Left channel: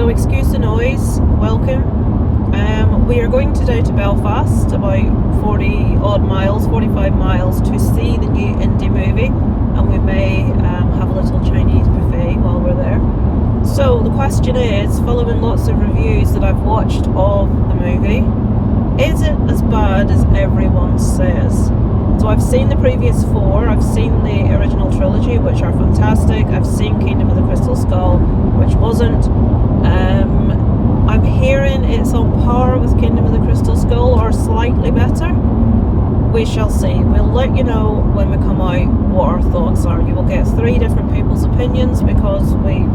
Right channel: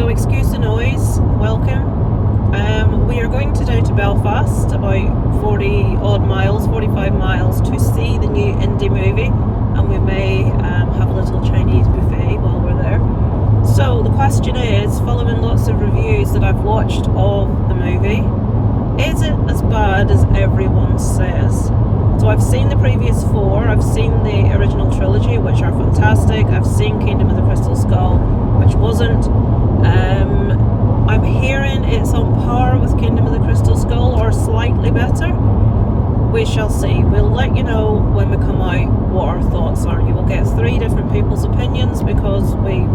So excuse the noise, welcome. We are going today to Belfast, about 40 odd miles, 45 miles, to see the new Indy movie, and we may have a little Chinese buffet while we're there. So the question is, following lots of reviews that I've watched of the movie, is it as bad as everyone says? So I've seen the previous four, I've seen the original trilogy, which are fantastic, I've seen Kingdom of the Crystal Skull, which wasn't. I'm hearing it's on par with Kingdom of the Crystal Skull or slightly better. We shall see. We'll let you know when we come out what our thoughts are. You will get three different people's opinions because we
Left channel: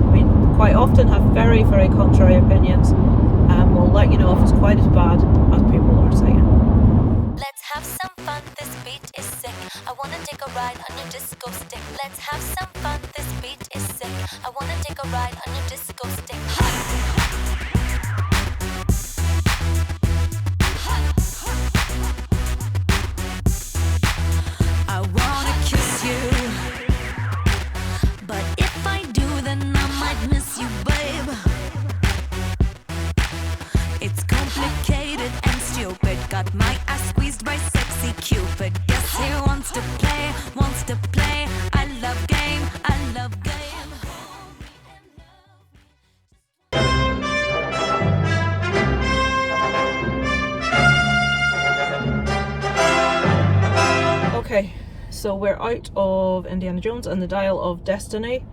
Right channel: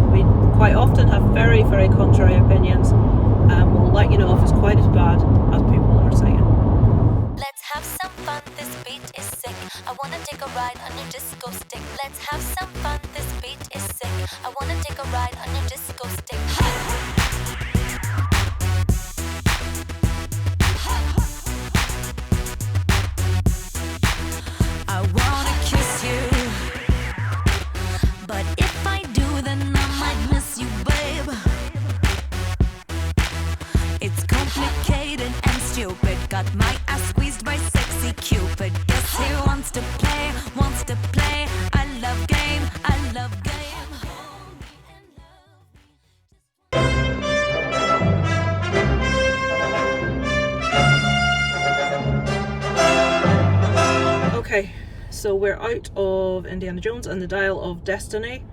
quite often have very, very contrary opinions, and we'll let you know if it's quite as bad as people are saying. Let's have some fun, this beat is sick. I wanna take a ride on your disco stick. Let's have some fun, this beat is sick. I wanna take a ride on your disco stick. I wanna kiss you, but if I do, then I might miss you, babe. It's complicated and stupid. Got my ass squeezed by sexy Cupid. Guess he wants to play, wants to play. I love game, I love game. Okay, so we're out of Indiana Jones and the Dial of Destiny,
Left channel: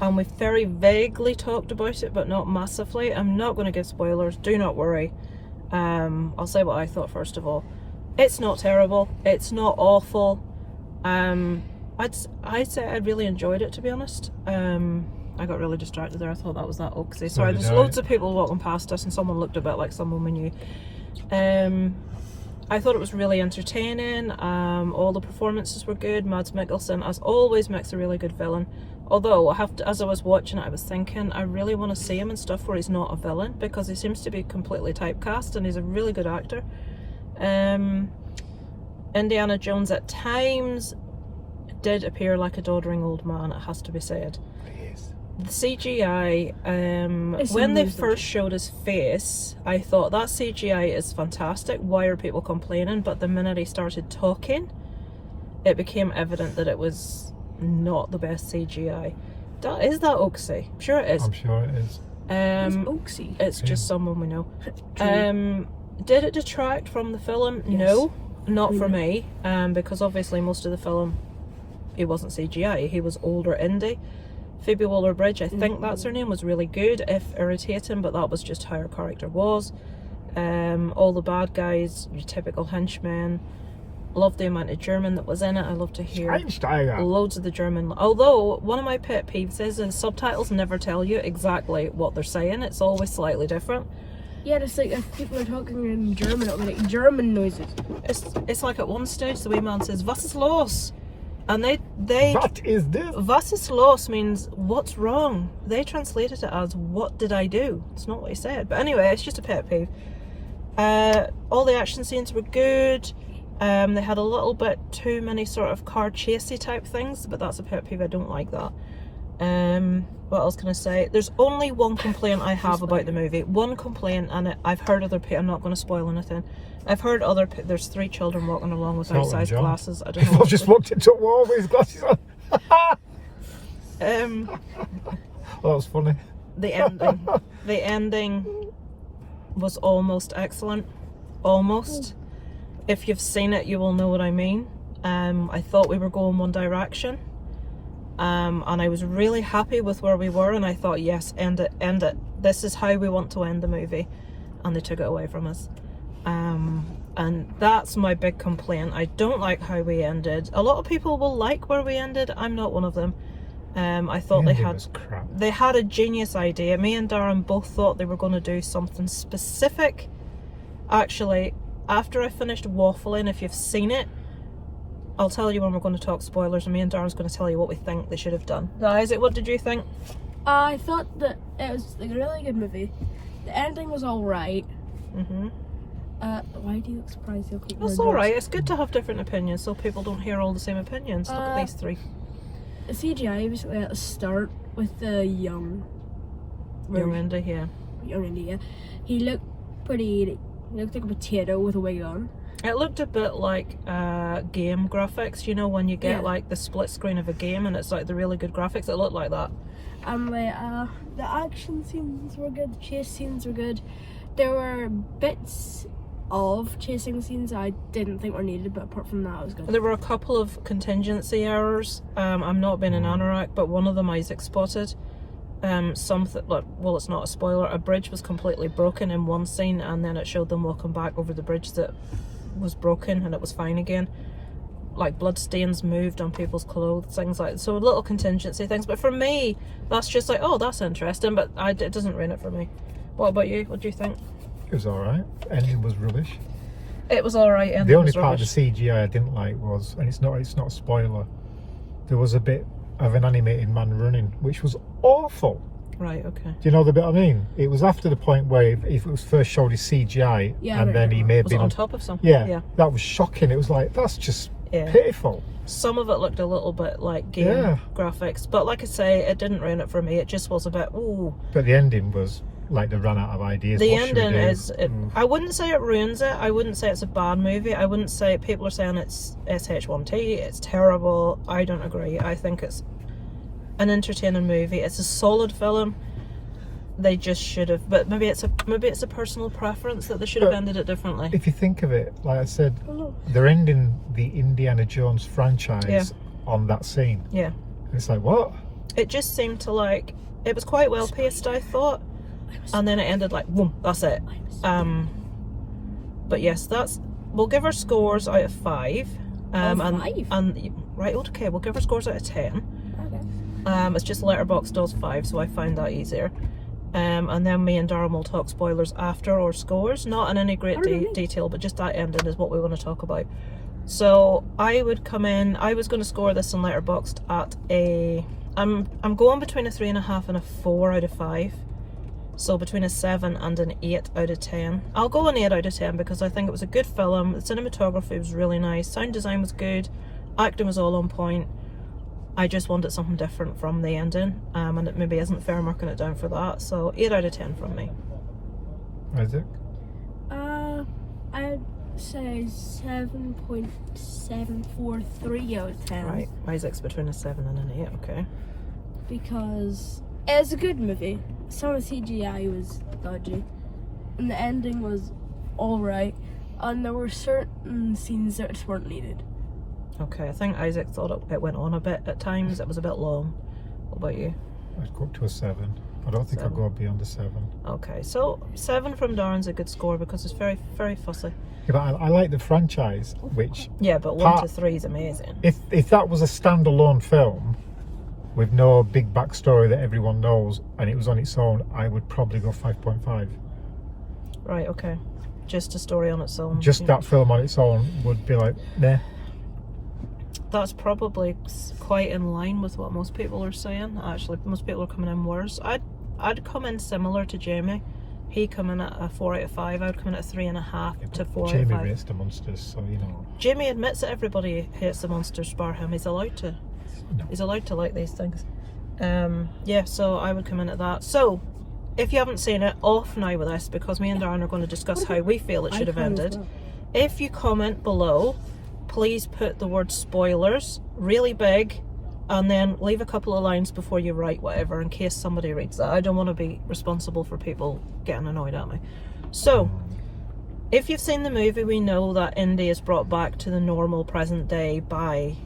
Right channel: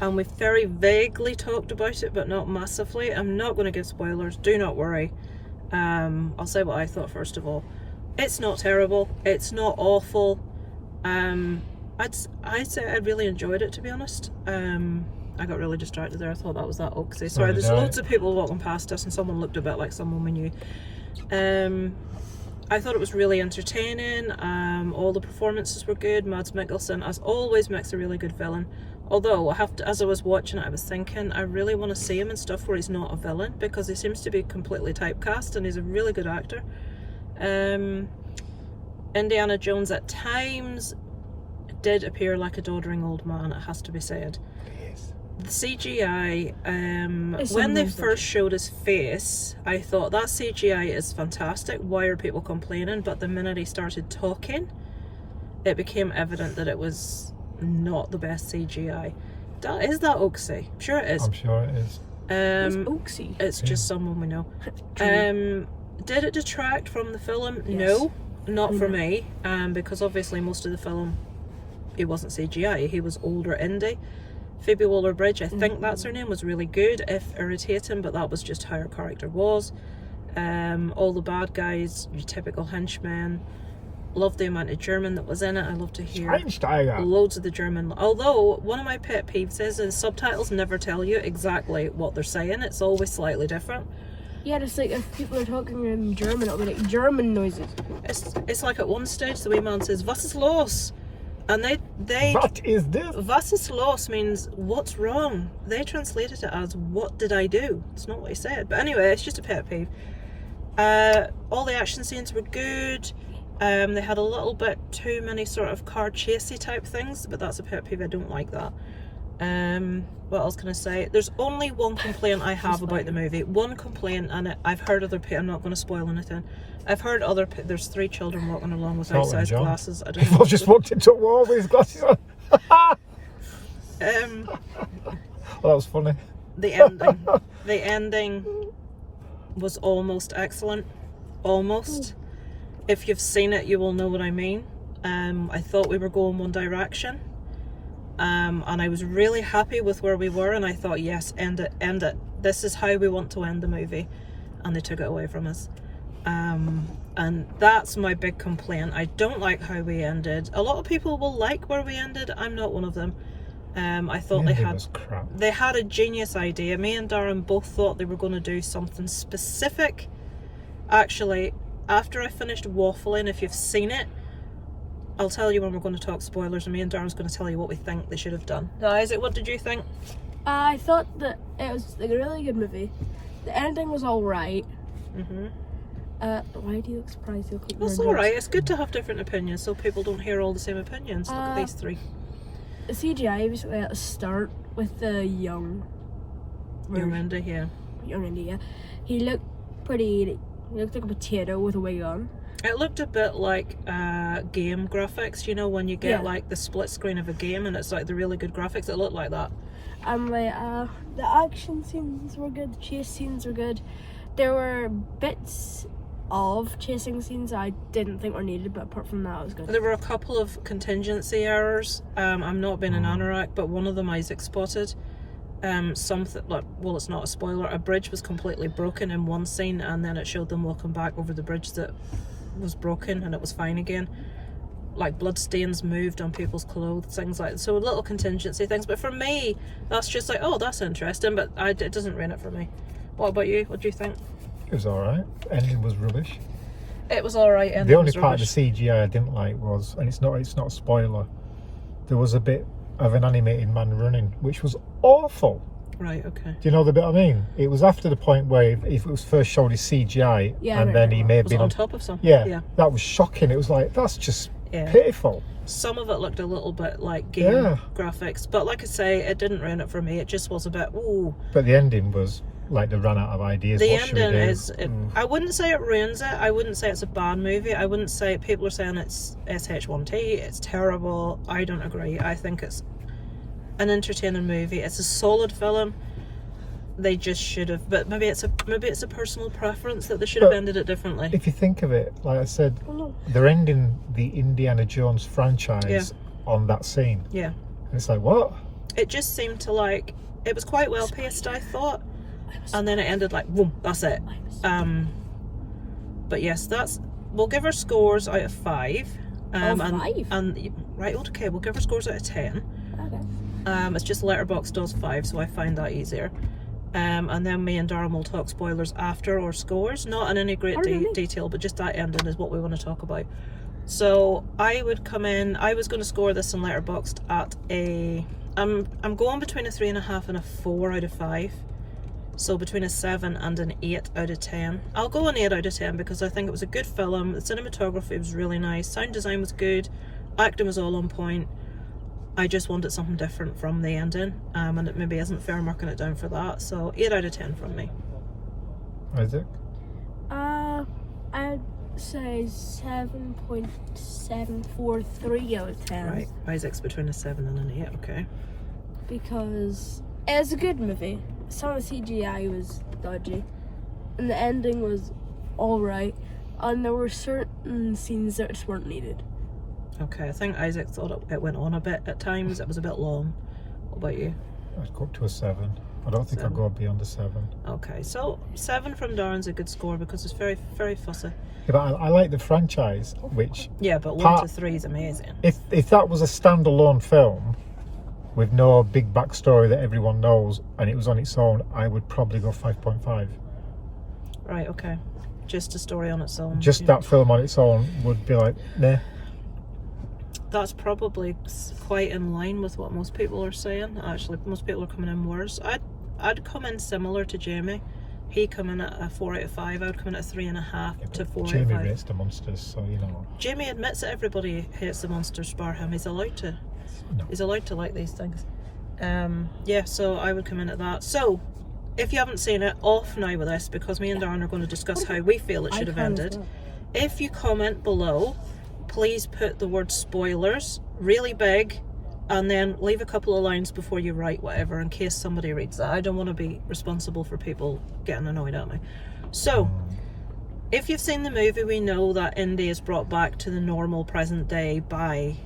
and we've very vaguely talked about it, but not massively. I'm not going to give spoilers, do not worry. I'll say what I thought first of all. It's not terrible, it's not awful. I'd say I really enjoyed it, to be honest. I got really distracted there, I thought that was that Oaksy. Sorry, there's loads of people walking past us and someone looked a bit like someone we knew. I thought it was really entertaining. All the performances were good. Mads Mikkelsen, as always, makes a really good villain. Although, as I was watching it, I was thinking, I really want to see him in stuff where he's not a villain, because he seems to be completely typecast, and he's a really good actor. Indiana Jones at times did appear like a doddering old man, it has to be said. The CGI, when they first showed his face, I thought that CGI is fantastic, why are people complaining? But the minute he started talking, it became evident that it was not the best CGI. Is that Oaksy? I'm sure it is. I'm sure it is. It's Oaksy. It's just someone we know. Did it detract from the film? Yes. No, not for me, because obviously most of the film, he wasn't CGI, he was older Indy. Phoebe Waller-Bridge, I think that's her name, was really good, if irritating, but that was just how her character was. All the bad guys, your typical henchmen. Loved the amount of German that was in it. I love to hear loads of the German. Although, one of my pet peeves is the subtitles never tell you exactly what they're saying. It's always slightly different. Yeah, it's like if people are talking in German, it'll be like German noises. It's like at one stage the wee man says, "Was ist los?" And they What is this? Was ist los means what's wrong. They translated it as what did I do? It's not what he said. But anyway, it's just a pet peeve. All the action scenes were good. They had a little bit too many sort of car chasey type things, but that's a pet peeve. I don't like that. What else can I say? There's only one complaint I have about the movie. One complaint, and I've heard other people. I'm not going to spoil anything. I've heard there's three children walking along with outsized glasses. I don't know. People just walked into a wall with his glasses on. Well, that was funny. The ending was almost excellent. Almost. If you've seen it, you will know what I mean. I thought we were going one direction. And I was really happy with where we were, and I thought, yes, end it. This is how we want to end the movie. And they took it away from us. And that's my big complaint. I don't like how we ended. A lot of people will like where we ended. I'm not one of them. I thought they had a genius idea. Me and Darren both thought they were going to do something specific. Actually, after I finished waffling, if you've seen it, I'll tell you when we're going to talk spoilers, and me and Darren's going to tell you what we think they should have done. Isaac, what did you think? I thought that it was like a really good movie. The ending was alright. Why do you look surprised? That's alright, it's good to have different opinions so people don't hear all the same opinions. Look at these three. The CGI basically at the start with the young Indy, yeah. young Indy, yeah. He looked pretty. He looked like a potato with a wig on. It looked a bit like game graphics, you know, when you get Yeah. like the split screen of a game and it's like the really good graphics. It looked like that. The action scenes were good. The chase scenes were good. There were bits of chasing scenes I didn't think were needed, but apart from that, it was good. There were a couple of contingency errors. I'm not being an anorak, but one of them Isaac spotted. Something like, well, it's not a spoiler. A bridge was completely broken in one scene, and then it showed them walking back over the bridge that was broken, and it was fine again. Like blood stains moved on people's clothes, things like that. So little contingency things. But for me, that's just like, oh, that's interesting. But it doesn't ruin it for me. What about you? What do you think? It was alright. Ending was rubbish. It was alright. The only part of the CGI I didn't like was, and it's not a spoiler, there was a bit of an animated man running, which was awful. Right, okay. Do you know the bit I mean? It was after the point where if it was first showed his CGI, Yeah, and then he may have Was it been on top of something? Yeah, that was shocking. It was like, that's just pitiful. Some of it looked a little bit like game graphics, but like I say, it didn't ruin it for me. It just was a bit, ooh. But the ending was like they ran out of ideas. The What should we ending do? is, I wouldn't say it ruins it. I wouldn't say it's a bad movie. I wouldn't say, people are saying it's SH1T, it's terrible. I don't agree. I think it's an entertaining movie. It's a solid film. They just should have, but maybe it's a personal preference that they should have ended it differently. If you think of it, like I said, they're ending the Indiana Jones franchise on that scene. Yeah. And it's like, what? It just seemed to like, it was quite well paced, I thought, and then it ended like, boom, that's it. But yes, we'll give our scores out of 5. Right, okay, we'll give our scores out of 10. Okay. It's just Letterboxd does 5, so I find that easier. And then me and Darren will talk spoilers after, or scores, not in any great detail, but just that ending is what we want to talk about. So I would come in, I was going to score this in Letterboxd at I'm going between a 3.5 and a 4 out of 5. So between a 7 and an 8 out of 10. I'll go an 8 out of 10 because I think it was a good film. The cinematography was really nice. Sound design was good. Acting was all on point. I just wanted something different from the ending. And it maybe isn't fair marking it down for that. So 8 out of 10 from me. Isaac? I would say 7.743 out of 10. Right. Isaac's between a 7 and an 8, okay. Because it's a good movie. Some of the CGI was dodgy. And the ending was alright. And there were certain scenes that just weren't needed. Okay, I think Isaac thought it went on a bit at times. It was a bit long. What about you? I'd go up to a 7. I don't think I'd go beyond a 7. Okay, so 7 from Darren's a good score because it's very, very fussy. Yeah, but I like the franchise, which... Yeah, but 1 to 3 is amazing. If that was a standalone film with no big backstory that everyone knows and it was on its own, I would probably go 5.5. Right, okay. Just a story on its own. Just that film on its own would be like, nah. That's probably quite in line with what most people are saying. Actually, most people are coming in worse. I'd come in similar to Jamie. He come in at a 4 out of 5. I would come in at a 3.5 to 4 out of 5. Jamie rates the monsters, so you know. Jamie admits that everybody hates the monsters bar him. He's allowed to. No. He's allowed to like these things. Yeah, so I would come in at that. So, if you haven't seen it, off now with this because me and Darren are going to discuss how we feel it should have ended. Well. If you comment below, please put the word spoilers really big and then leave a couple of lines before you write whatever in case somebody reads that. I don't want to be responsible for people getting annoyed at me. So, if you've seen the movie, we know that Indy is brought back to the normal present day by,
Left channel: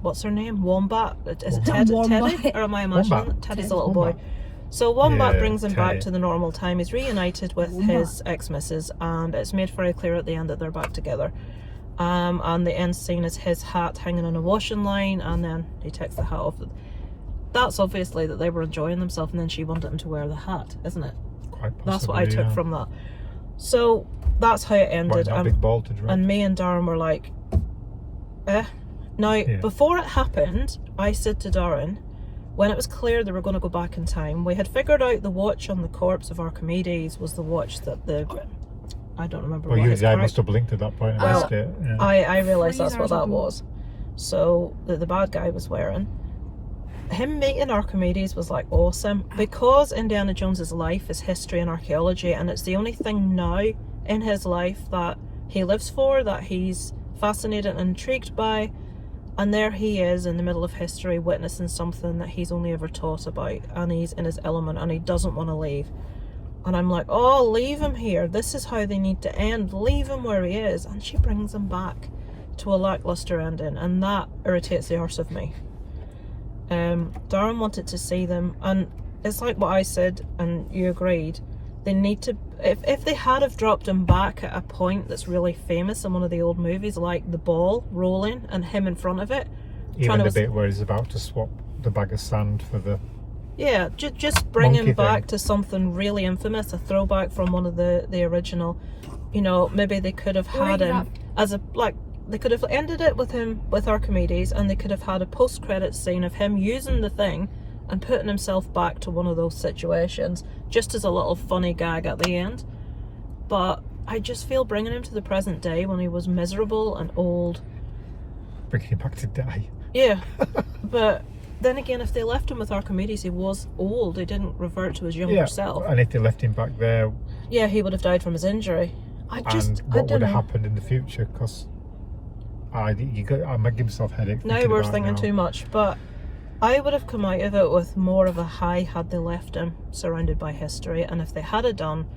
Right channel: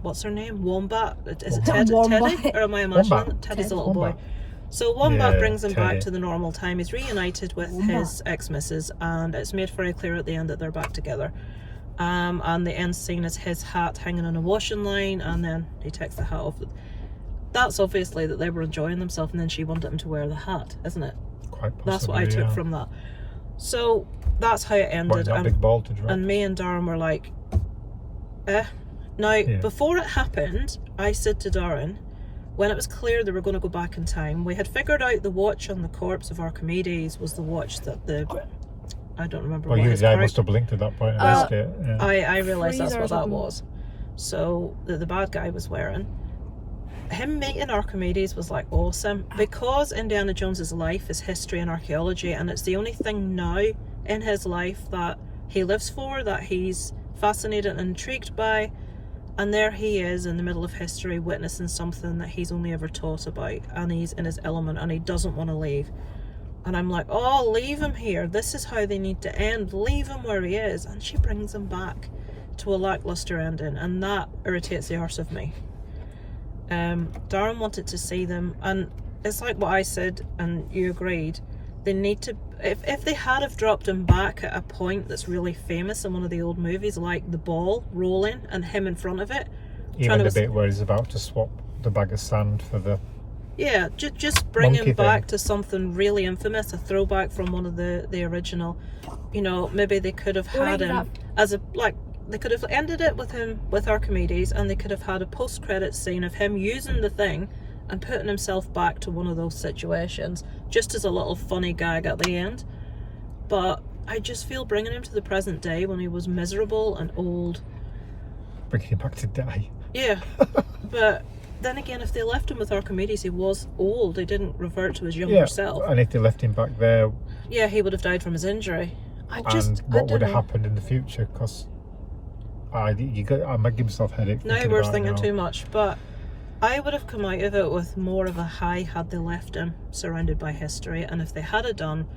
what's her name? Wombat? Is it Teddy? Or am I imagining? Wombat. Teddy's a little boy. So Wombat brings him back Teddy. to the normal time. He's reunited with his ex-missus and it's made very clear at the end that they're back together. And the end scene is his hat hanging on a washing line and then he takes the hat off. That's obviously that they were enjoying themselves and then she wanted him to wear the hat, isn't it? Quite possibly, That's what I took from that. So that's how it ended. That big ball to drop. And me and Darren were like, eh. Now, before it happened, I said to Darren, when it was clear they were going to go back in time, we had figured out the watch on the corpse of Archimedes was the watch that the... I don't remember what his I must have blinked at that point and missed it. Yeah. I realised that's Freezer what that something. was. So, the bad guy was wearing. him meeting Archimedes was like awesome, because Indiana Jones's life is history and archaeology, and it's the only thing now in his life that he lives for, that he's fascinated and intrigued by. And there he is in the middle of history, witnessing something that he's only ever taught about, and he's in his element and he doesn't want to leave. And I'm like, oh, leave him here. This is how they need to end. Leave him where he is. And she brings him back to a lackluster ending, and that irritates the arse of me. Darren wanted to see them, and it's like what I said, and you agreed. They need to, if they had have dropped him back at a point that's really famous in one of the old movies, like the ball rolling and him in front of it. Even the bit where he's about to swap the bag of sand for the... Yeah, just bring him back thing. to something really infamous, a throwback from one of the original. You know, maybe they could have had him as a, like, they could have ended it with him, with Archimedes, and they could have had a post-credits scene of him using the thing and putting himself back to one of those situations, just as a little funny gag at the end. But I just feel bringing him to the present day when he was miserable and old. Bringing him back to die. Yeah, but then again, if they left him with Archimedes, he was old. He didn't revert to his younger self. And if they left him back there... Yeah, he would have died from his injury. What would have happened in the future? Because I might give myself a headache. Now we're thinking too much, but I would have come out of it with more of a high had they left him surrounded by history. And if they had it done,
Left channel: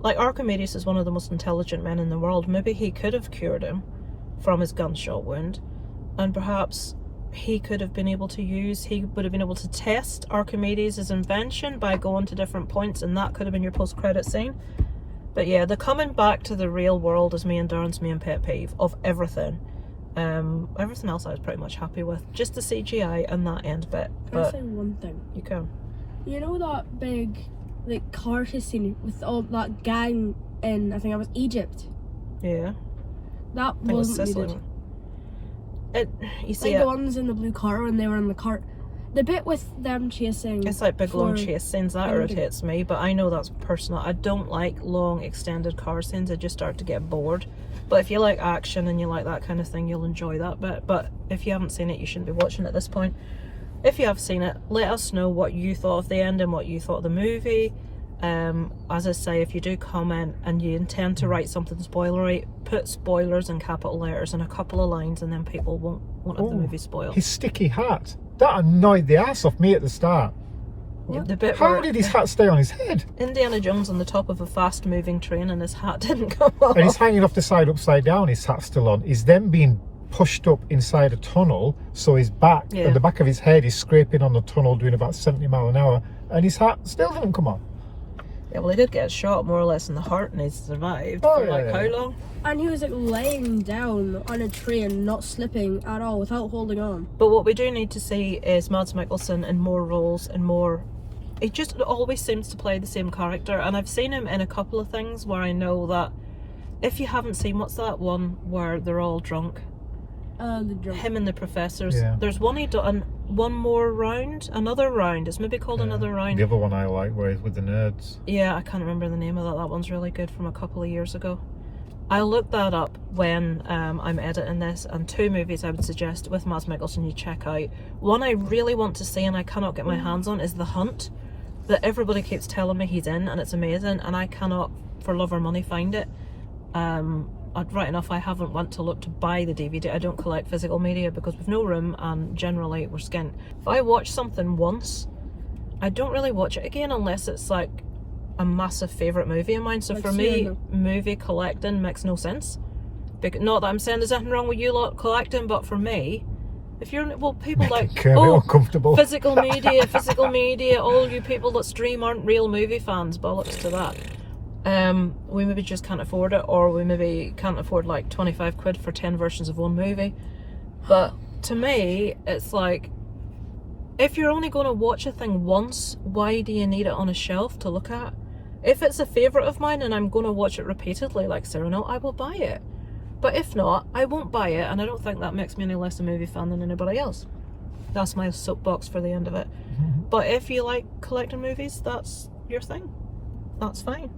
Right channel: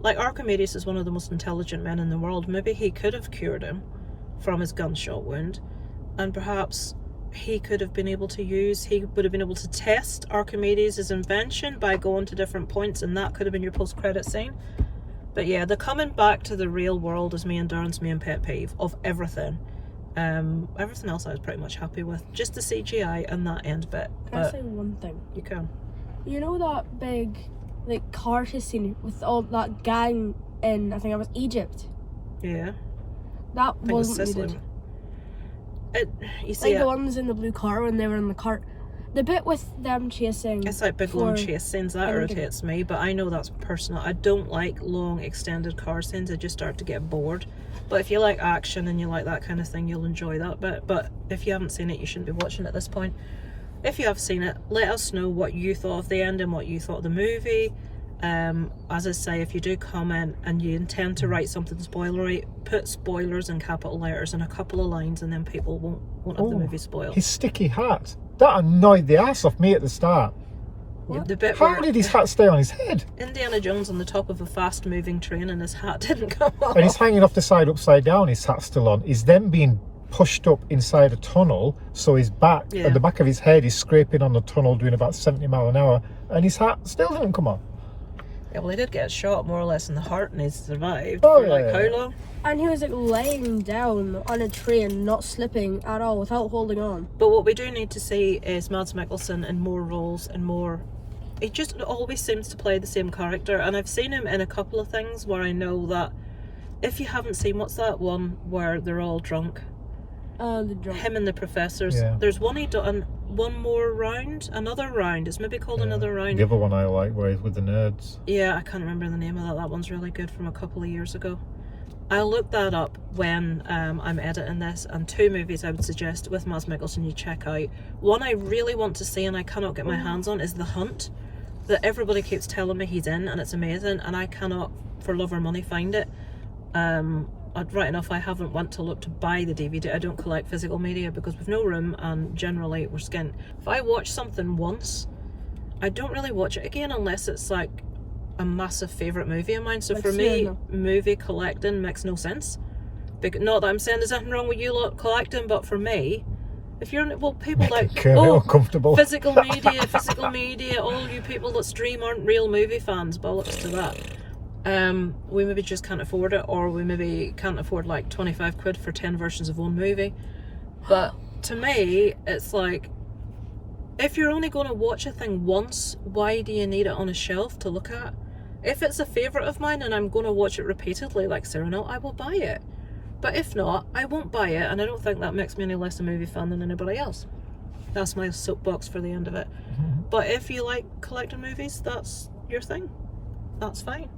like, Archimedes is one of the most intelligent men in the world, maybe he could have cured him from his gunshot wound, and perhaps he would have been able to test Archimedes' invention by going to different points, and that could have been your post-credit scene. But yeah, the coming back to the real world is me and Darren's main pet peeve of everything. Everything else I was pretty much happy with, just the CGI and that end bit. Can I say one thing? You can. You know that big, like, car chase scene with all that gang in, I think it was Egypt? Yeah. That wasn't needed. You see, like the ones in the blue car when they were in the cart. The bit with them chasing... It's like big long chase scenes, that irritates me, but I know that's personal. I don't like long extended car scenes, I just start to get bored. But if you like action and you like that kind of thing, you'll enjoy that bit. But if you haven't seen it, you shouldn't be watching at this point. If you have seen it, let us know what you thought of the end and what you thought of the movie. As I say, if you do comment and you intend to write something spoilery, put spoilers in capital letters and a couple of lines, and then people won't have the movie spoiled. His sticky hat, that annoyed the ass off me at the start. Yeah, the bit How did his hat stay on his head? Indiana Jones on the top of a fast moving train and his hat didn't come off. And he's hanging off the side upside down, his hat's still on. He's then being pushed up inside a tunnel, so his back and the back of his head is scraping on the tunnel doing about 70 miles an hour, and his hat still didn't come off. Yeah, well, he did get shot more or less in the heart and he survived for like how long? And he was like laying down on a train, not slipping at all, without holding on. But what we do need to see is Mads Mikkelsen in more roles and more... He just always seems to play the same character, and I've seen him in a couple of things where I know that... If you haven't seen, what's that one where they're all drunk? The drunk. Him and the professors. Yeah. There's one he done, one more round, another round. It's maybe called Another Round. The other one I like, where he's with the nerds. Yeah, I can't remember the name of that. That one's really good, from a couple of years ago. I'll look that up when I'm editing this, and 2 movies I would suggest with Mads Mikkelsen you check out. One I really want to see and I cannot get my hands on is The Hunt, that everybody keeps telling me he's in, and it's amazing, and I cannot for love or money find it. Right enough, I haven't went to look to buy the DVD. I don't collect physical media because we've no room, and generally we're skint. If I watch something once, I don't really watch it again unless it's like a massive favourite movie of mine. So for me, movie collecting makes no sense. Not that I'm saying there's anything wrong with you lot collecting, but for me, if you're, well, people like, physical media, all you people that stream aren't real movie fans, bollocks to that. We maybe just can't afford it, or we maybe can't afford like 25 quid for 10 versions of one movie. But to me, it's like, if you're only going to watch a thing once, why do you need it on a shelf to look at? If it's a favourite of mine and I'm going to watch it repeatedly like Cyrano, I will buy it. But if not, I won't buy it, and I don't think that makes me any less a movie fan than anybody else. That's my soapbox for the end of it. But if you like collecting movies, that's your thing. That's fine.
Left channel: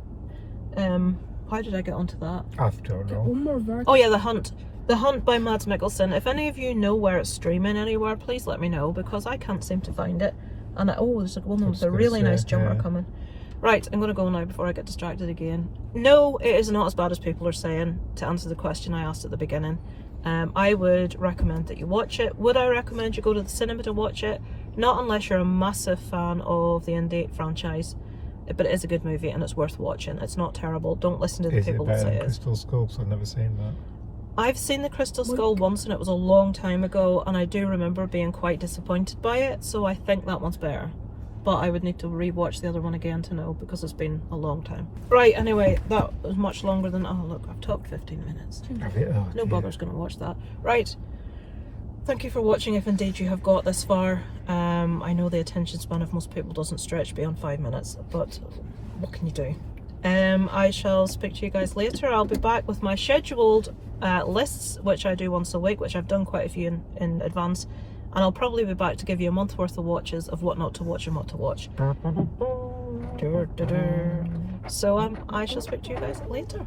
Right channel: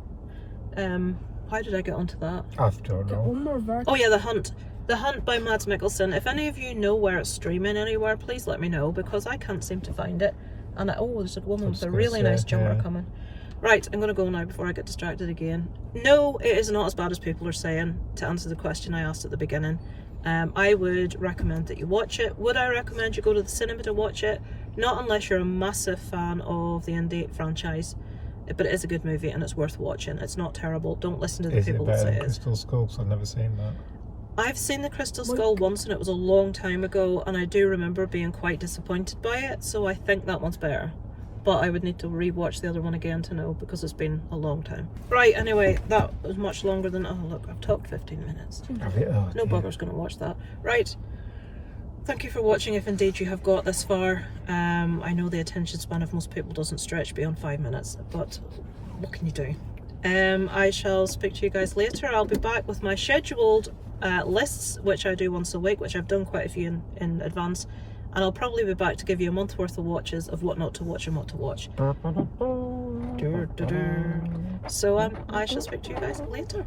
How did I get onto that? I don't know. One more version. Oh yeah, The Hunt. The Hunt by Mads Mikkelsen. If any of you know where it's streaming anywhere, please let me know, because I can't seem to find it. And there's a woman with a really nice jumper coming. Right, I'm going to go now before I get distracted again. No, it is not as bad as people are saying, to answer the question I asked at the beginning. I would recommend that you watch it. Would I recommend you go to the cinema to watch it? Not unless you're a massive fan of the Indy franchise. But it is a good movie and it's worth watching. It's not terrible. Don't listen to the people that say it is. Crystal Skull? 'Cause I've never seen that. I've seen the Crystal Skull once and it was a long time ago, and I do remember being quite disappointed by it, so I think that one's better. But I would need to re-watch the other one again to know, because it's been a long time. Right, anyway, that was much longer than... Oh, look, I've talked 15 minutes. No bugger's going to watch that. Right. Thank you for watching, if indeed you have got this far. I know the attention span of most people doesn't stretch beyond 5 minutes, but what can you do? I shall speak to you guys later. I'll be back with my scheduled lists, which I do once a week, which I've done quite a few in advance, and I'll probably be back to give you a month worth of watches of what not to watch and what to watch. So I shall speak to you guys later.